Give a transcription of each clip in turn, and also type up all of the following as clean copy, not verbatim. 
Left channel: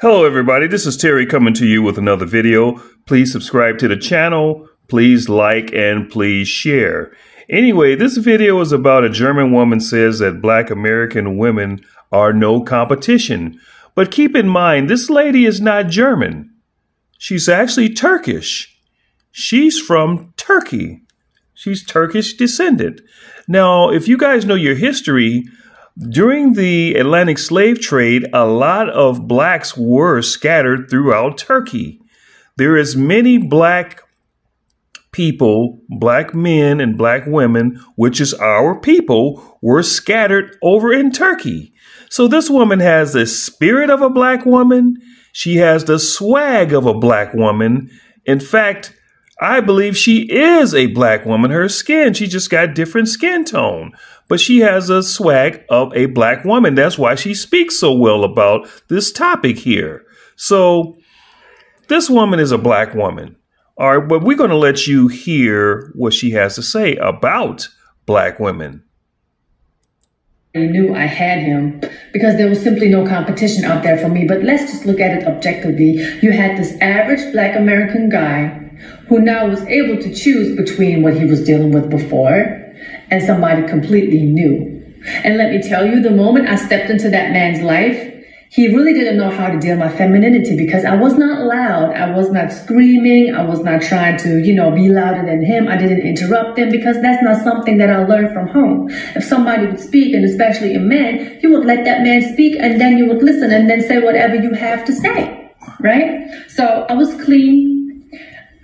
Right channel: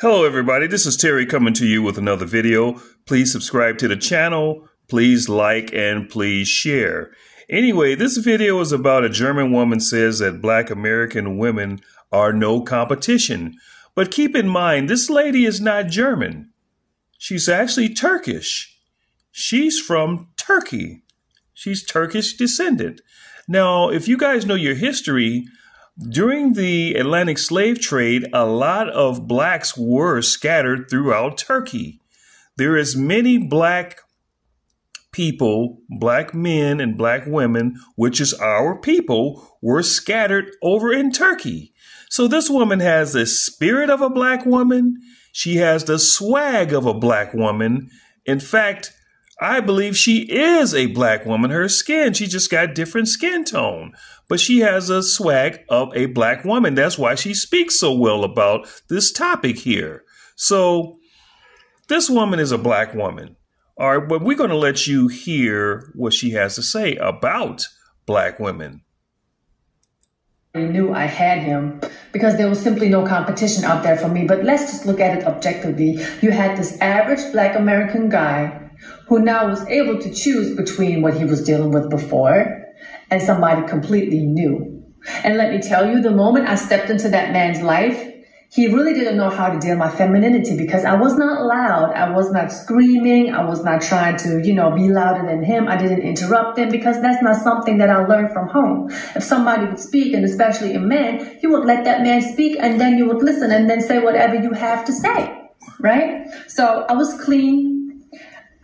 Hello everybody, this is Terry coming to you with another video. Please subscribe to the channel, please like, and please share. Anyway, this video is about a German woman says that Black American women are no competition. But keep in mind, this lady is not German. She's actually Turkish. She's from Turkey. She's Turkish descendant. Now, if you guys know your history, during the Atlantic slave trade, a lot of blacks were scattered throughout Turkey. There is many black people, black men and black women, which is our people, were scattered over in Turkey. So this woman has the spirit of a black woman. She has the swag of a black woman. In fact, I believe she is a black woman. Her skin, she just got different skin tone. But she has a swag of a black woman. That's why she speaks so well about this topic here. So this woman is a black woman. All right, but we're going to let you hear what she has to say about black women. I knew I had him because there was simply no competition out there for me. But let's just look at it objectively. You had this average Black American guy who now was able to choose between what he was dealing with before and somebody completely new. And let me tell you, the moment I stepped into that man's life, he really didn't know how to deal with my femininity because I was not loud. I was not screaming. I was not trying to, be louder than him. I didn't interrupt him because that's not something that I learned from home. If somebody would speak, and especially a man, you would let that man speak and then you would listen and then say whatever you have to say, right? So I was clean.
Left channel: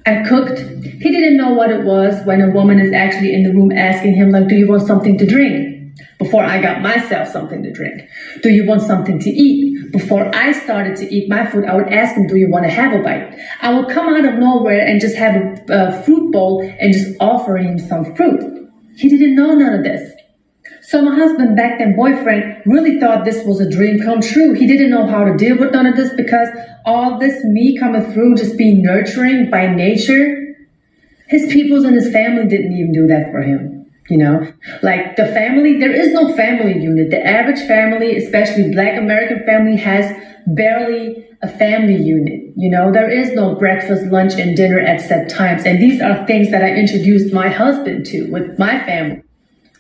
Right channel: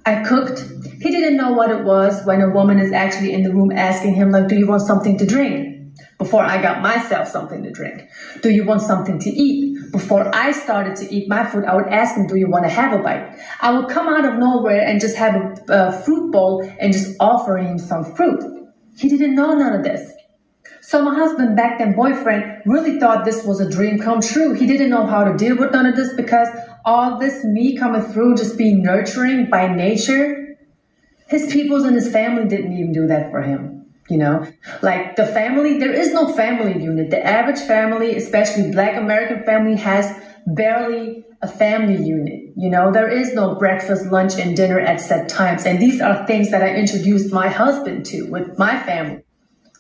I cooked. He didn't know what it was when a woman is actually in the room asking him, like, do you want something to drink? Before I got myself something to drink. Do you want something to eat? Before I started to eat my food, I would ask him, do you want to have a bite? I would come out of nowhere and just have a fruit bowl and just offer him some fruit. He didn't know none of this. So my husband, back then boyfriend, really thought this was a dream come true. He didn't know how to deal with none of this because all this me coming through, just being nurturing by nature, his peoples and his family didn't even do that for him. Like the family, there is no family unit. The average family, especially Black American family, has barely a family unit. There is no breakfast, lunch, and dinner at set times. And these are things that I introduced my husband to with my family.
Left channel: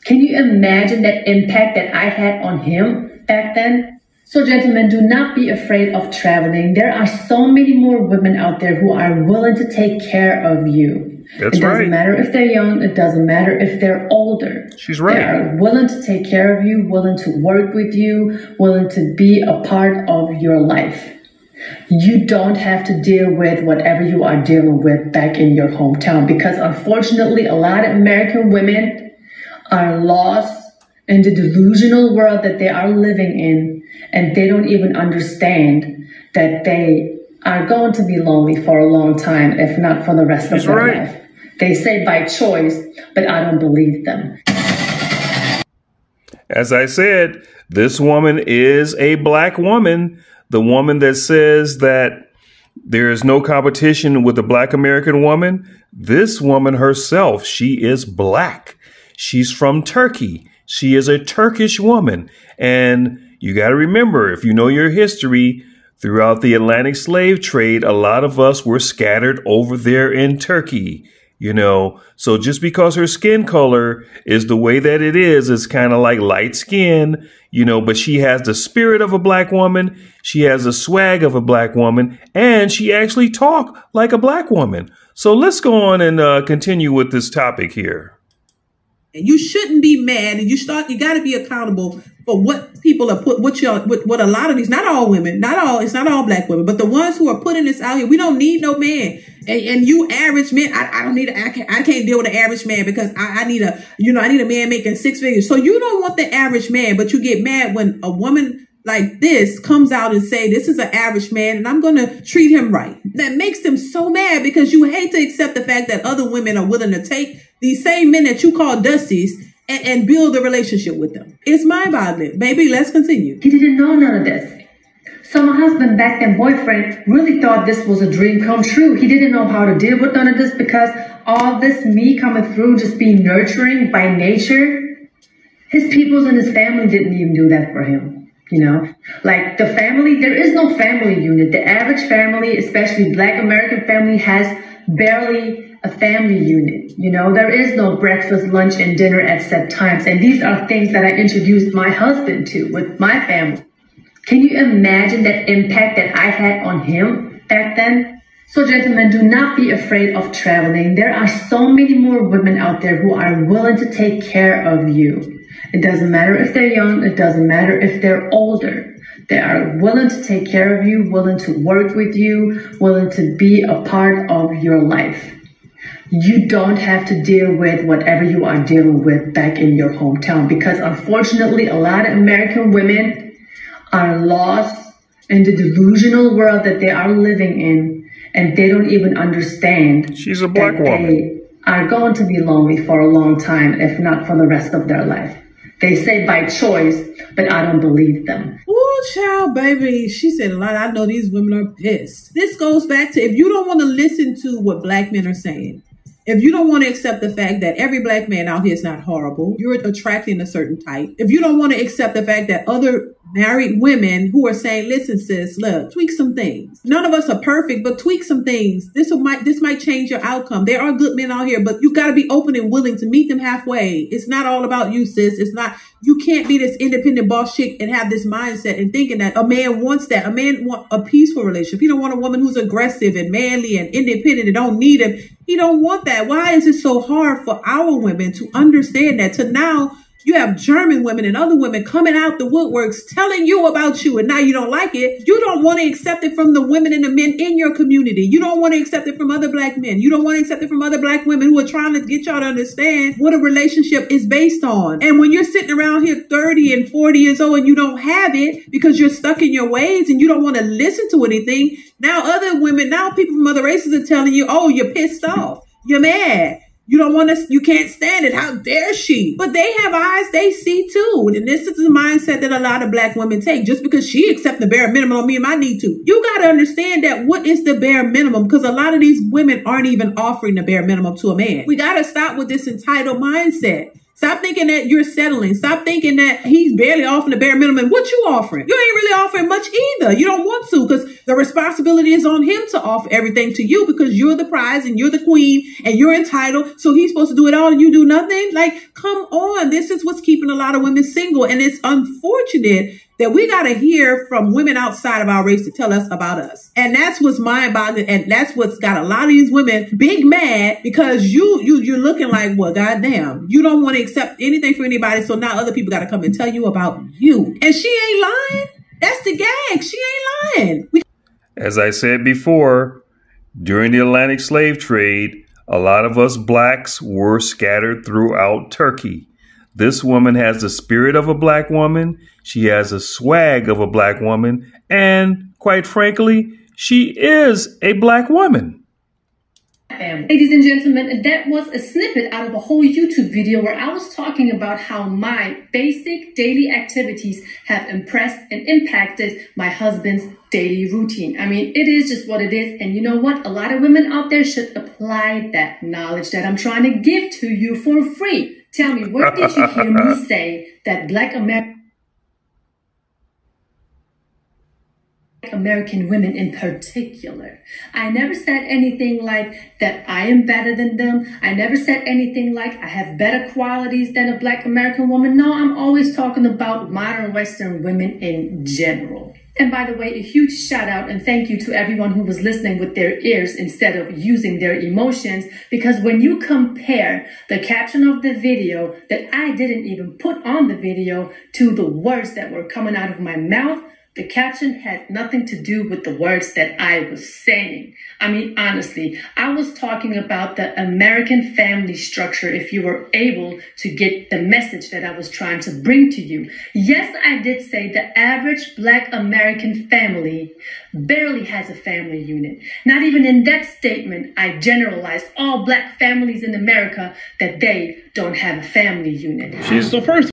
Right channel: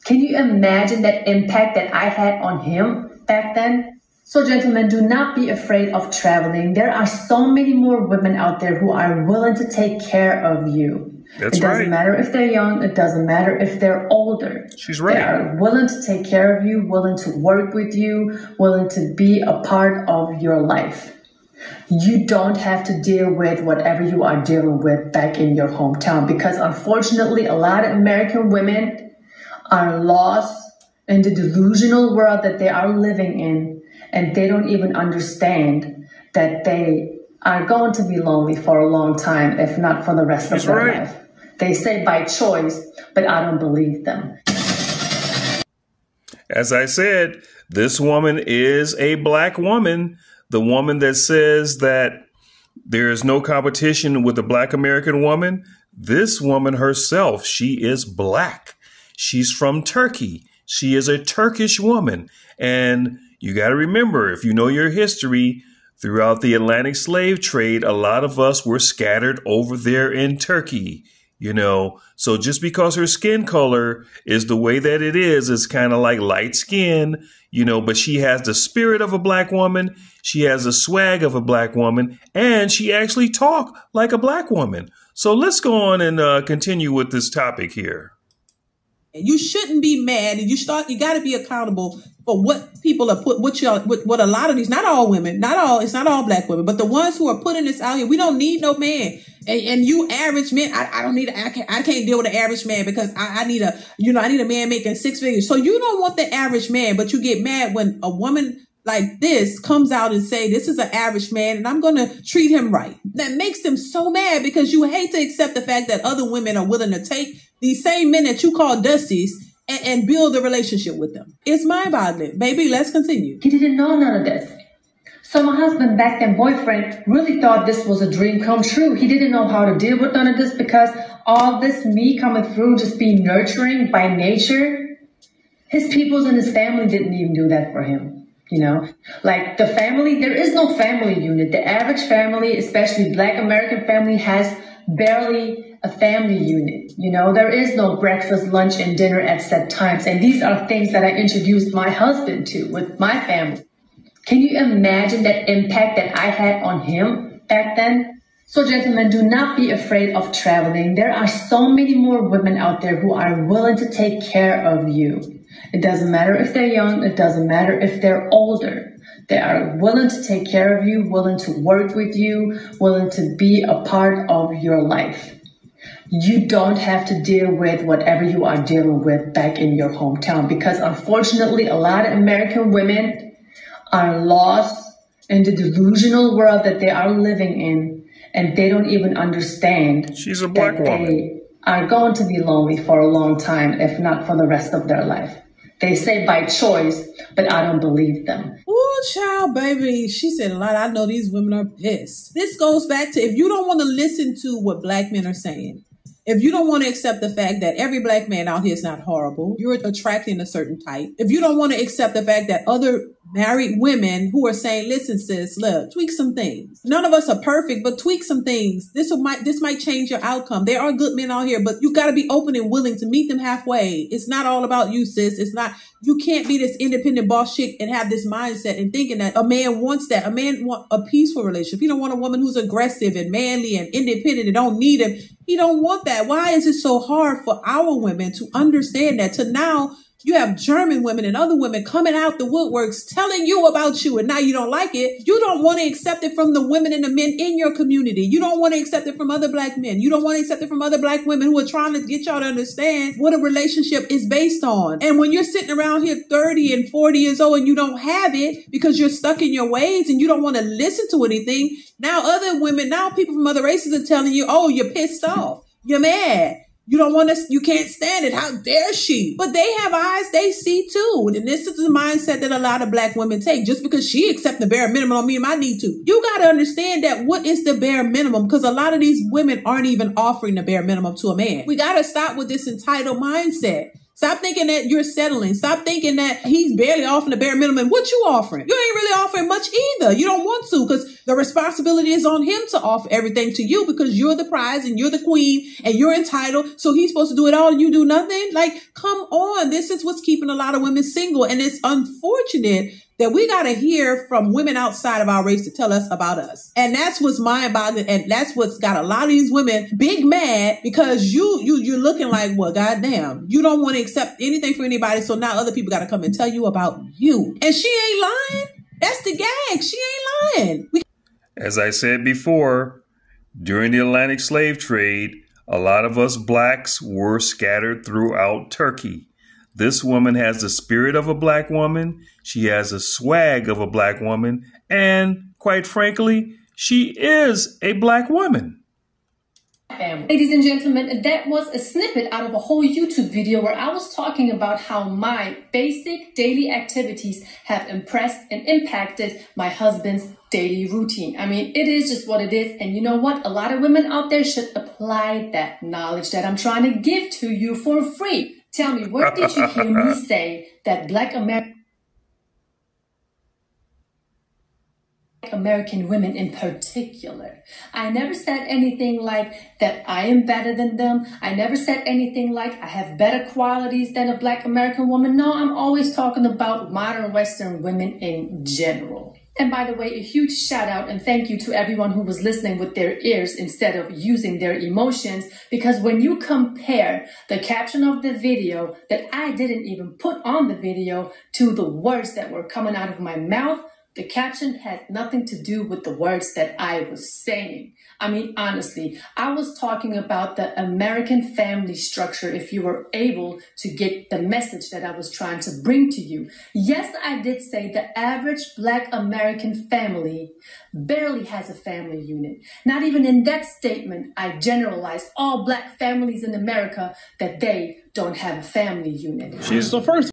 Can you imagine that impact that I had on him back then? So gentlemen, do not be afraid of traveling. There are so many more women out there who are willing to take care of you. That's it doesn't matter if they're young. It doesn't matter if they're older. She's right. They are willing to take care of you, willing to work with you, willing to be a part of your life. You don't have to deal with whatever you are dealing with back in your hometown because unfortunately, a lot of American women are lost in the delusional world that they are living in, and they don't even understand that they are going to be lonely for a long time, if not for the rest of their life. They say by choice, but I don't believe them. As I said, this woman is a black woman, the woman that says that there is no competition with the Black American woman. This woman herself, she is black. She's from Turkey. She is a Turkish woman. And you got to remember, if you know your history, throughout the Atlantic slave trade, a lot of us were scattered over there in Turkey, So just because her skin color is the way that it is, it's kind of like light skin, but she has the spirit of a black woman. She has the swag of a black woman, and she actually talks like a black woman. So let's go on and continue with this topic here. You shouldn't be mad, and you got to be accountable for what people are what a lot of these, not all women, it's not all black women, but the ones who are putting this out here. We don't need no man, and you average men, I can't deal with an average man because I need a man making 6 figures. So you don't want the average man, but you get mad when a woman like this comes out and say, this is an average man and I'm going to treat him right. That makes them so mad because you hate to accept the fact that other women are willing to take these same men that you call dusties and build a relationship with them. It's mind-boggling. Baby, let's continue. He didn't know none of this. So my husband, back then boyfriend, really thought this was a dream come true. He didn't know how to deal with none of this because all this me coming through, just being nurturing by nature, his peoples and his family didn't even do that for him. You know, like the family, there is no family unit. The average family, especially Black American family, has barely a family unit. You know, there is no breakfast, lunch, and dinner at set times. And these are things that I introduced my husband to with my family. Can you imagine that impact that I had on him back then? So gentlemen, do not be afraid of traveling. There are so many more women out there who are willing to take care of you. It doesn't matter if they're young. It doesn't matter if they're older. They are willing to take care of you, willing to work with you, willing to be a part of your life. You don't have to deal with whatever you are dealing with back in your hometown, because unfortunately, a lot of American women are lost in the delusional world that they are living in, and they don't even understand. She's a Black woman. They are going to be lonely for a long time, if not for the rest of their life. They say by choice, but I don't believe them. Ooh, child, baby. She said a lot. I know these women are pissed. This goes back to, if you don't want to listen to what Black men are saying, if you don't want to accept the fact that every Black man out here is not horrible, you're attracting a certain type. If you don't want to accept the fact that other married women who are saying, listen, sis, look, tweak some things. None of us are perfect, but tweak some things. This might change your outcome. There are good men out here, but you got to be open and willing to meet them halfway. It's not all about you, sis. It's not, you can't be this independent boss chick and have this mindset and thinking that a man wants that. A man wants a peaceful relationship. He don't want a woman who's aggressive and manly and independent and don't need him. He don't want that. Why is it so hard for our women to understand that? To now, you have German women and other women coming out the woodworks telling you about you, and now you don't like it. You don't want to accept it from the women and the men in your community. You don't want to accept it from other Black men. You don't want to accept it from other Black women who are trying to get y'all to understand what a relationship is based on. And when you're sitting around here 30 and 40 years old and you don't have it because you're stuck in your ways and you don't want to listen to anything, now other women, now people from other races are telling you, oh, you're pissed off. You're mad. You don't want to, you can't stand it. How dare she? But they have eyes, they see too. And this is the mindset that a lot of Black women take. Just because she accepts the bare minimum on me and I need to. You got to understand that what is the bare minimum? Because a lot of these women aren't even offering the bare minimum to a man. We got to stop with this entitled mindset. Stop thinking that you're settling. Stop thinking that he's barely offering the bare minimum. What you offering? You ain't really offering much either. You don't want to, because the responsibility is on him to offer everything to you, because you're the prize and you're the queen and you're entitled. So he's supposed to do it all and you do nothing. Like, come on. This is what's keeping a lot of women single. And it's unfortunate that we got to hear from women outside of our race to tell us about us. And that's what's mind-boggling. And that's what's got a lot of these women big mad, because you're looking like, well, goddamn, you don't want to accept anything from anybody. So now other people got to come and tell you about you. And she ain't lying. That's the gag. She ain't lying. As I said before, during the Atlantic slave trade, a lot of us Blacks were scattered throughout Turkey. This woman has the spirit of a Black woman. She has a swag of a Black woman. And quite frankly, she is a Black woman. Ladies and gentlemen, that was a snippet out of a whole YouTube video where I was talking about how my basic daily activities have impressed and impacted my husband's daily routine. I mean, it is just what it is. And you know what? A lot of women out there should apply that knowledge that I'm trying to give to you for free. Tell me, where did you hear me say that Black American women in particular? I never said anything like that I am better than them. I never said anything like I have better qualities than a Black American woman. No, I'm always talking about modern Western women in general. And by the way, a huge shout out and thank you to everyone who was listening with their ears instead of using their emotions, because when you compare the caption of the video that I didn't even put on the video to the words that were coming out of my mouth, the caption had nothing to do with the words that I was saying. I mean, honestly, I was talking about the American family structure, if you were able to get the message that I was trying to bring to you. Yes, I did say the average Black American family barely has a family unit. Not even in that statement, I generalized all Black families in America that they don't have a family unit. She's the first.